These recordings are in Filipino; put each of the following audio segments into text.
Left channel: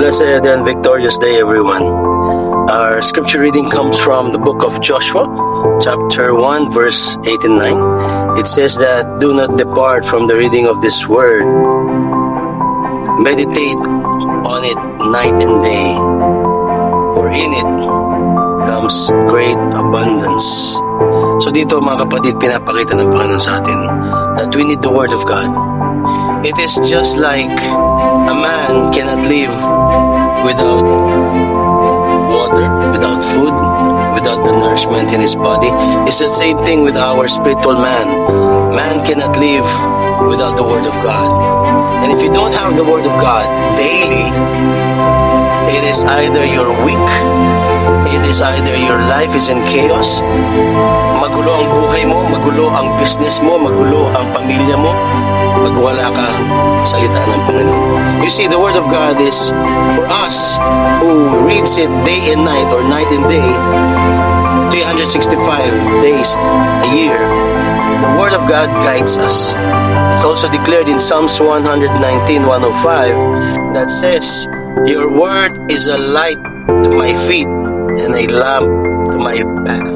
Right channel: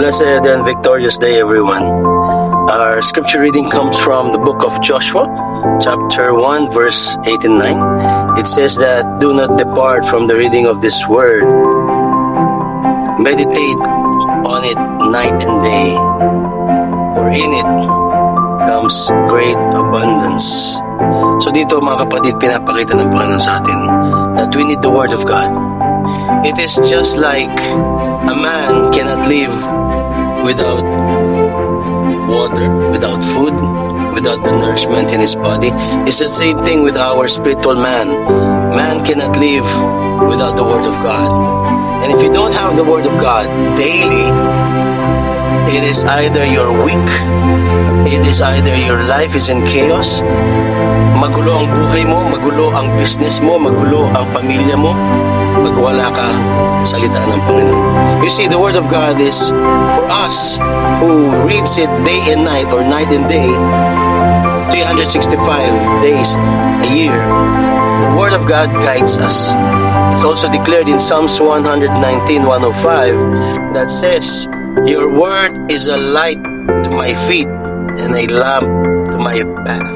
Blessed and victorious day, everyone. Our scripture reading comes from the book of Joshua, chapter 1, verse 8 and 9. It says that, "Do not depart from the reading of this word. Meditate on it night and day, for in it comes great abundance." So dito mga kapatid, pinapakita ng Panginoon sa atin that we need the Word of God. It is just like a man cannot live without water, without food, without the nourishment in his body. It's the same thing with our spiritual man. Man cannot live without the Word of God. And if you don't have the Word of God daily, it is either you're weak, it is either your life is in chaos, magulo ang buhay mo, magulo ang business mo, magulo ang pamilya mo, pag wala kang salita ng Panginoon. You see, the Word of God is for us who reads it day and night or night and day, 365 days a year. The Word of God guides us. It's also declared in Psalms 119:105 that says, "Your word is a light to my feet and a lamp to my path."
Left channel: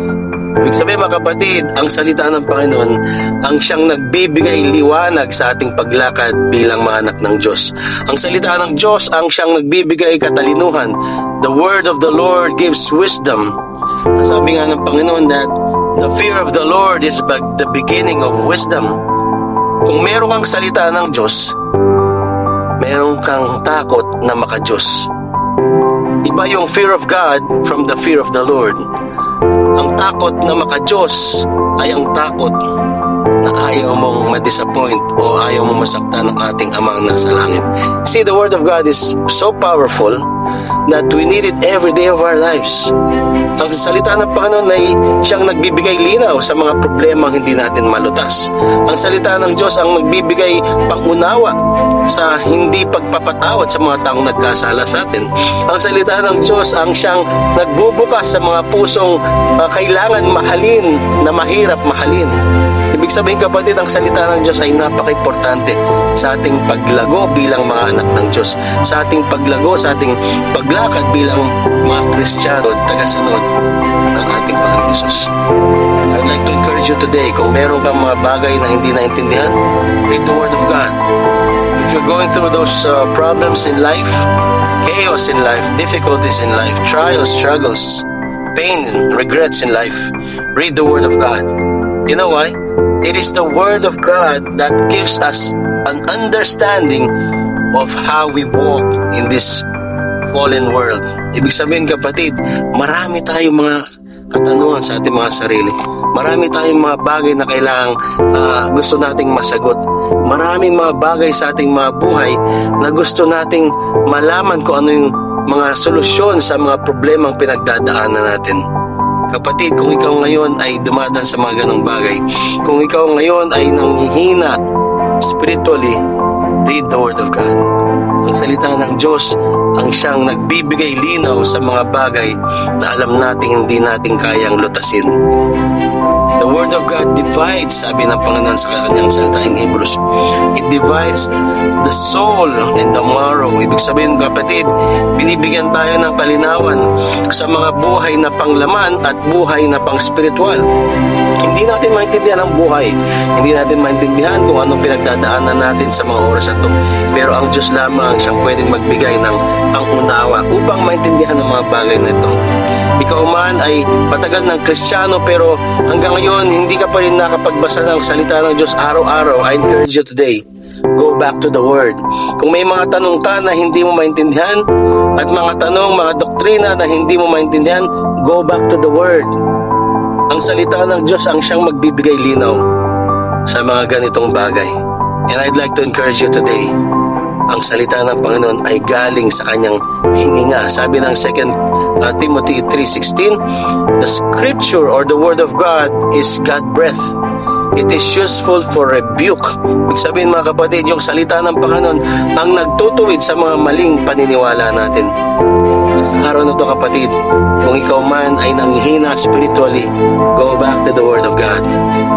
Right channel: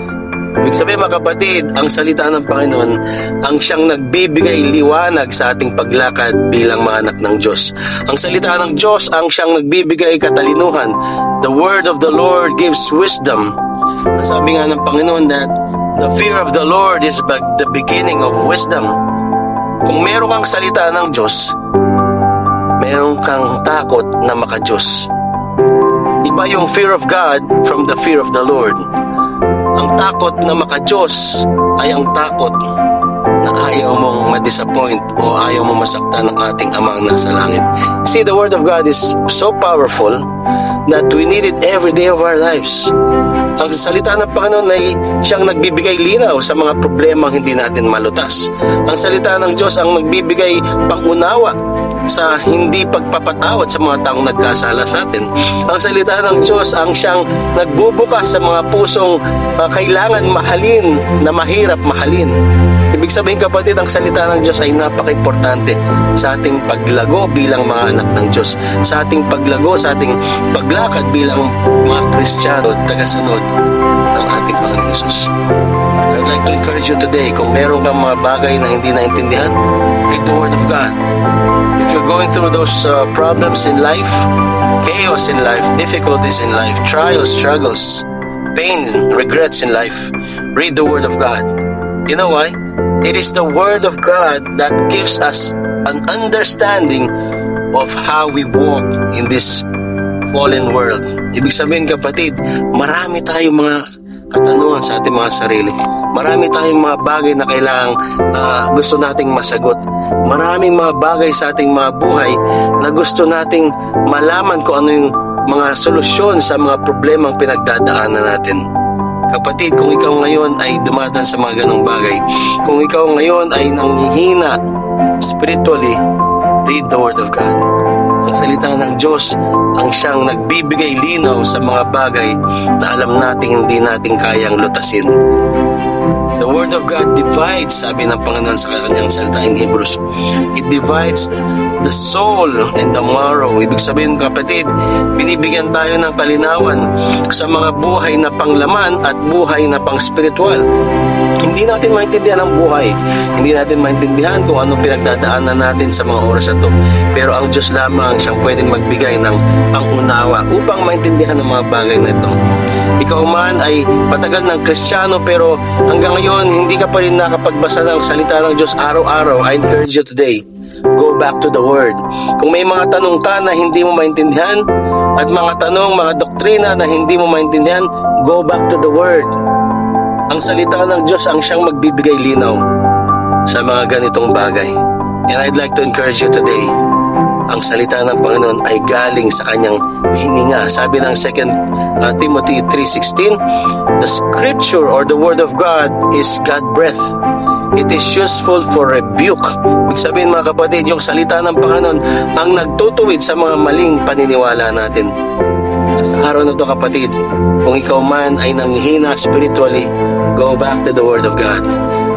Ibig sabihin mga kapatid, ang salita ng Panginoon ang siyang nagbibigay liwanag sa ating paglakad bilang mga anak ng Diyos. Ang salita ng Diyos ang siyang nagbibigay katalinuhan. The word of the Lord gives wisdom. Nasabi nga ng Panginoon that the fear of the Lord is the beginning of wisdom. Kung meron kang salita ng Diyos, meron kang takot na maka-Diyos. Iba yung fear of God from the fear of the Lord. Ang takot na maka-Diyos ay ang takot na ayaw mong ma-disappoint o ayaw mong masaktan ng ating Amang nasa langit. See, the Word of God is so powerful that we need it every day of our lives. Ang salita ng Panginoon ay siyang nagbibigay linaw sa mga problemang hindi natin malutas. Ang salita ng Diyos ang nagbibigay pangunawa sa hindi pagpapatawad sa mga taong nagkasala sa atin. Ang salita ng Diyos ang siyang nagbubukas sa mga pusong kailangan mahalin na mahirap mahalin. Ibig sabihin kapatid, ang salita ng Diyos ay napaka-importante sa ating paglago bilang mga anak ng Diyos, sa ating paglago, sa ating paglakad bilang mga Kristiyano at tagasunod ng ating Panginoong Hesus. I'd like to encourage you today, kung meron kang mga bagay na hindi naintindihan, read the Word of God. If you're going through those problems in life, chaos in life, difficulties in life, trials, struggles, pain, regrets in life, read the Word of God. You know why? It is the Word of God that gives us an understanding of how we walk in this fallen world. Ibig sabihin kapatid, marami tayong mga katanungan sa ating mga sarili. Marami tayong mga bagay na kailangang gusto nating masagot. Maraming mga bagay sa ating mga buhay na gusto nating malaman kung ano yung mga solusyon sa mga problemang pinagdadaanan natin. Kapatid, kung ikaw ngayon ay dumadaan sa mga ganong bagay, kung ikaw ngayon ay nanghihina spiritually, read the Word of God. Ang salita ng Diyos ang siyang nagbibigay linaw sa mga bagay na alam natin hindi natin kayang lutasin. The Word of God divides, sabi ng Panginoon sa kanyang salita in Hebrews, it divides the soul and the marrow. Ibig sabihin kapatid, binibigyan tayo ng kalinawan sa mga buhay na panglaman at buhay na pang spiritual. Hindi natin maintindihan ang buhay. Hindi natin maintindihan kung anong pinagdadaanan natin sa mga oras na ito. Pero ang Diyos lamang siyang pwedeng magbigay ng pangunawa upang maintindihan ang mga bagay na ito. Ikaw man ay patagal ng Kristiyano pero hanggang ngayon hindi ka pa rin nakapagbasa ng salita ng Diyos araw-araw. I encourage you today, go back to the Word. Kung may mga tanong ka na hindi mo maintindihan at mga tanong, mga doktrina na hindi mo maintindihan, go back to the Word. Ang salita ng Diyos ang siyang magbibigay linaw sa mga ganitong bagay. And I'd like to encourage you today, ang salita ng Panginoon ay galing sa kanyang hininga. Sabi ng 2 Timothy 3:16, the scripture or the Word of God is God breath. It is useful for rebuke. Ibig sabihin mga kapatid, yung salita ng Panginoon ang nagtutuwid sa mga maling paniniwala natin. Sa araw na ito kapatid, kung ikaw man ay nanghihina spiritually, go back to the Word of God.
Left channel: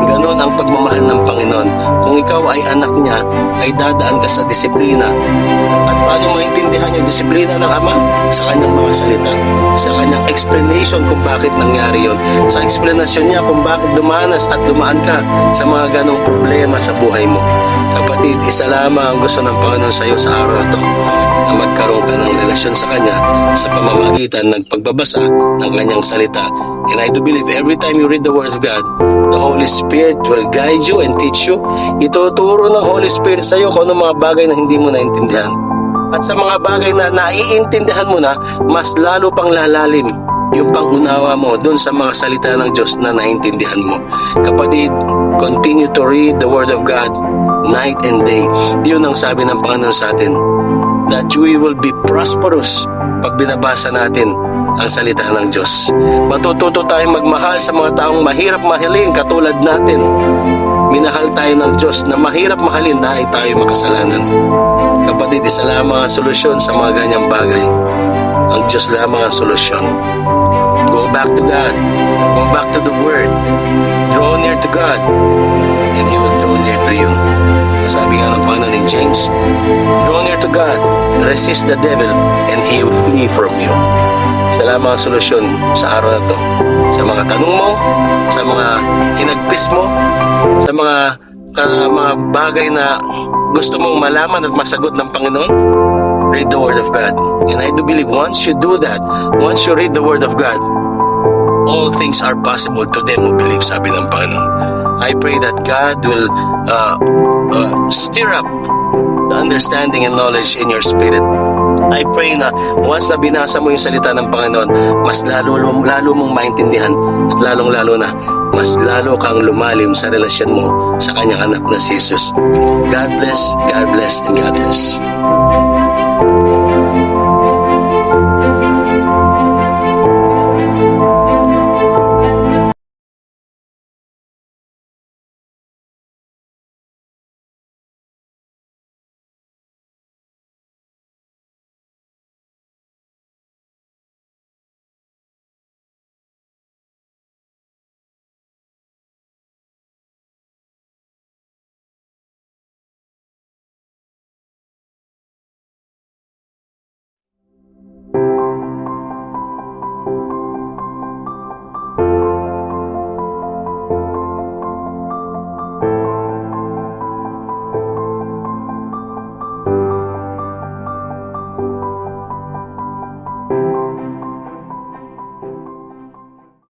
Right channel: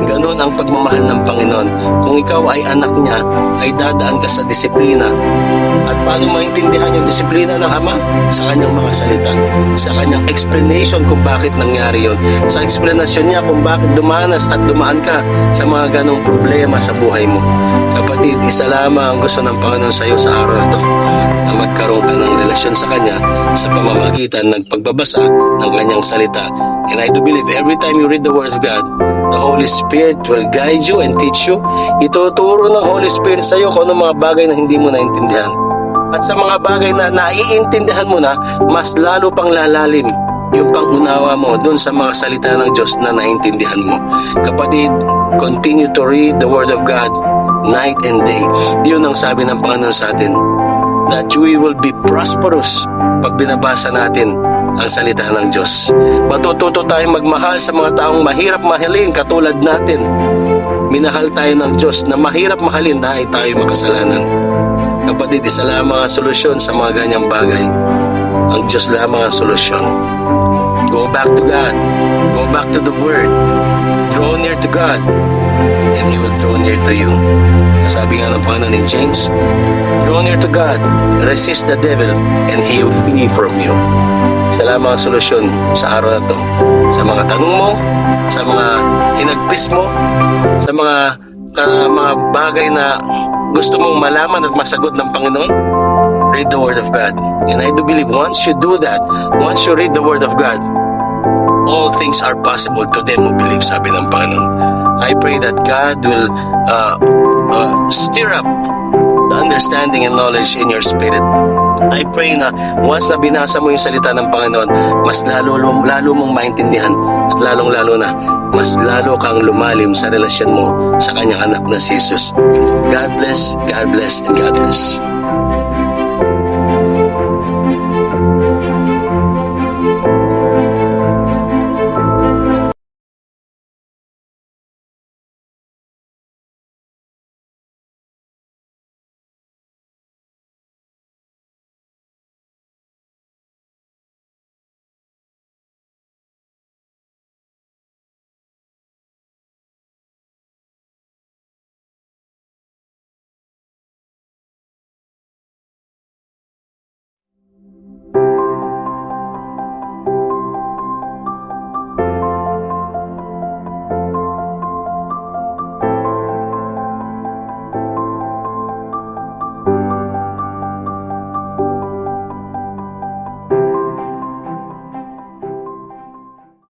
Ganon ang ang pagmamahal ng Panginoon. Kung ikaw ay anak niya, ay dadaan ka sa disiplina. At paano maintindihan yung disiplina ng Ama? Sa kanyang mga salita, sa kanyang explanation kung bakit nangyari yon, sa explanation niya kung bakit dumanas at dumaan ka sa mga ganong problema sa buhay mo. Kapatid, isa lamang ang gusto ng Panginoon sa iyo sa araw na to, na magkaroon ka ng relasyon sa Kanya sa pamamagitan ng pagbabasa ng Kanyang salita. And I do believe every time you read the Word of God, the Holy Spirit will guide you and teach you. Ituturo ng Holy Spirit sa iyo kung anong mga bagay na hindi mo naintindihan. At sa mga bagay na naiintindihan mo na, mas lalo pang lalalim yung pangunawa mo dun sa mga salita ng Diyos na naintindihan mo. Kapatid, continue to read the Word of God night and day. Yun ang sabi ng Panginoon sa atin, that we will be prosperous pag binabasa natin ang salita ng Diyos. Matututo tayong magmahal sa mga taong mahirap mahalin katulad natin. Minahal tayo ng Diyos na mahirap mahalin dahil tayo makasalanan. Kapatid, isa lamang ang solusyon sa mga ganyang bagay. Ang Diyos lamang ang solusyon. Go back to God. Go back to the Word. Draw near to God, and He will draw near to you. Sabi nga ng Panginoon in James, draw near to God, resist the devil, and he will flee from you. Isa lamang ang solusyon sa araw na to. Sa mga tanong mo, sa mga hinagpis mo, sa mga bagay na gusto mong malaman at masagot ng Panginoon, read the Word of God. And I do believe once you do that, once you read the Word of God, all things are possible to them who believe, sabi ng Panginoon. I pray that God will stir up the understanding and knowledge in your spirit. I pray na once na binasa mo yung salita ng Panginoon, mas lalo mong maintindihan at lalong-lalo na mas lalo kang lumalim sa relasyon mo sa kanyang anak na si Jesus. God bless, and God bless.